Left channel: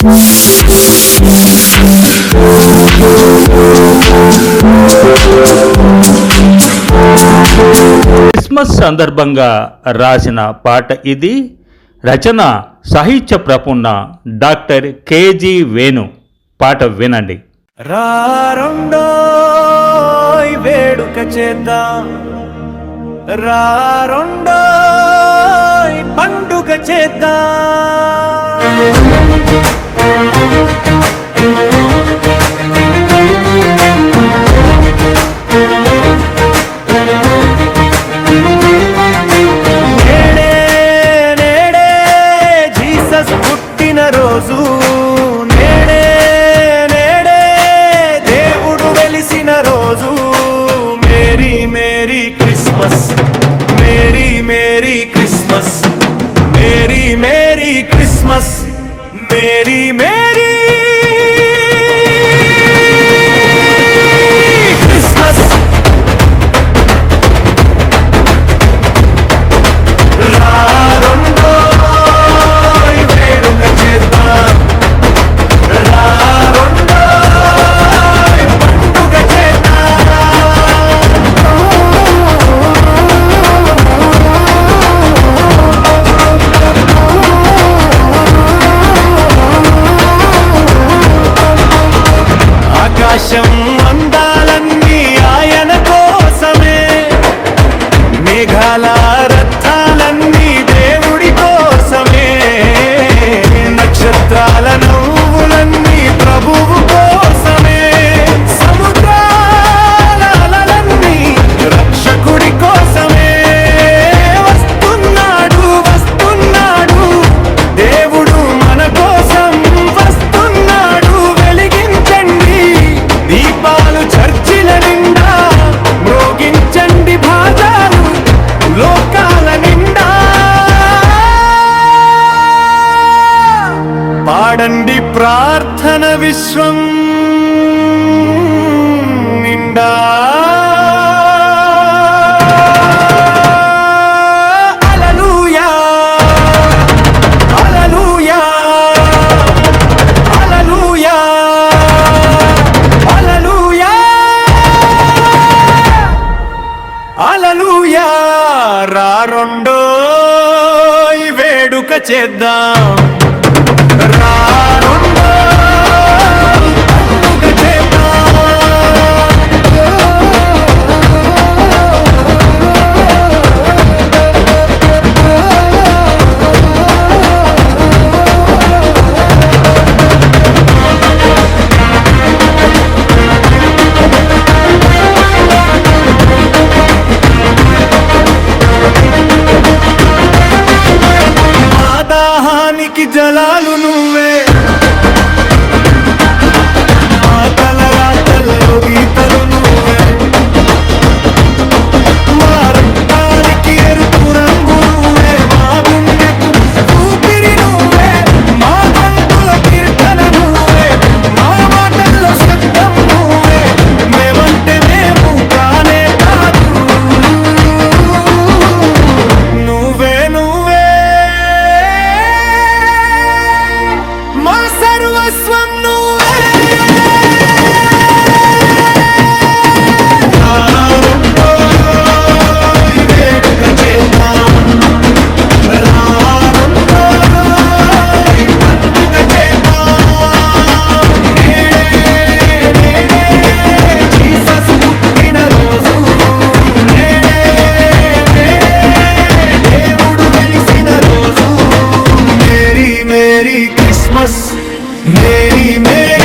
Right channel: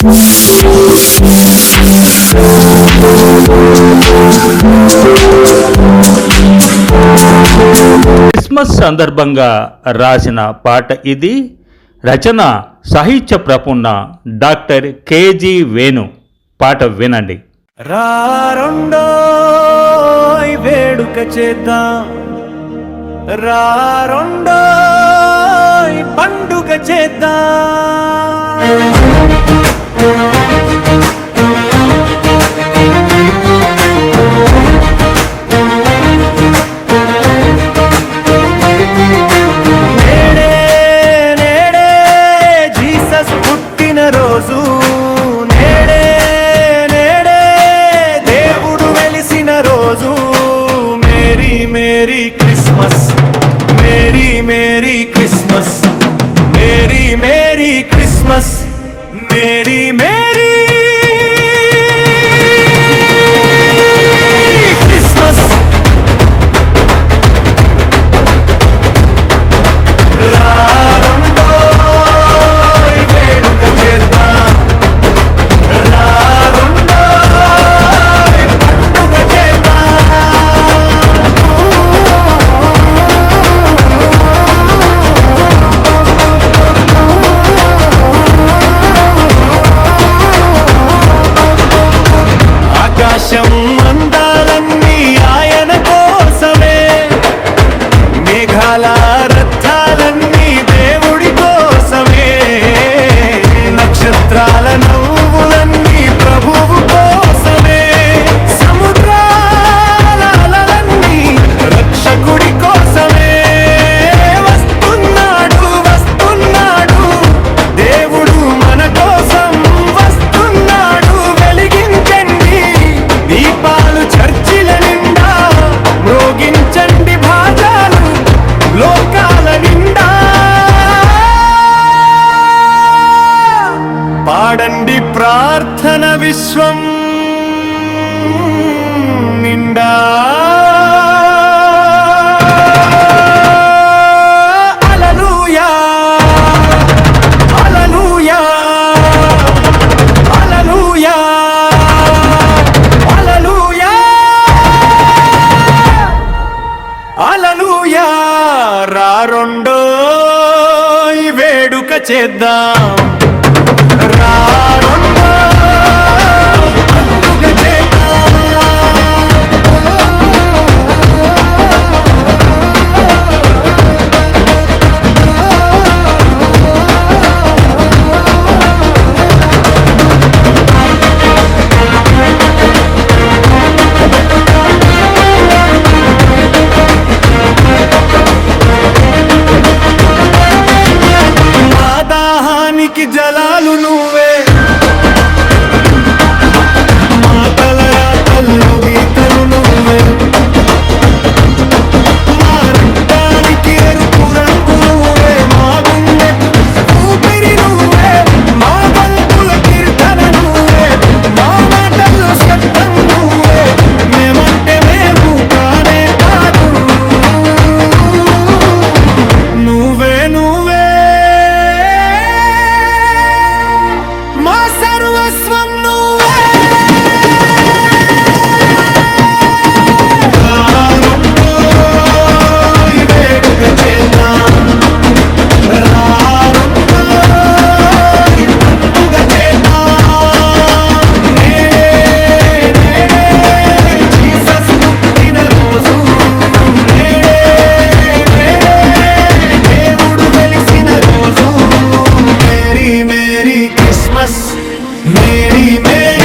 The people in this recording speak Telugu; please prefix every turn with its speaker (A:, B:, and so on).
A: క్రిస్మస్ సందర్భంగా రాసిన పాట ఇది. రచన సాహిత్య ప్రపుణ డాక్టర్ కేజీ వేణు. పాట వినండి.
B: రారొండోయ్ వేడుక చేద్దాం. రారొండోయ్ పండుగ చేద్దాం. Merry Christmas merry merry Christmas merry merry Christmas merry merry ఆకాశం అందాలన్నీ ఆయన కోసమే. మేఘాల రథాలన్నీ దేవుడి కోసమే. నక్షత్రాల నవ్వులన్నీ ప్రభువు కోసం లోకాల నిండా పాడండి ప్రార్థన విశ్వం నిండా అలలుయా రెండో వేడుక చేద్దాం. రారొండో దాహానికి జలాలు నువ్వే. మాటల రాతల్లో గీతలు నువ్వే. Must, Merry Merry.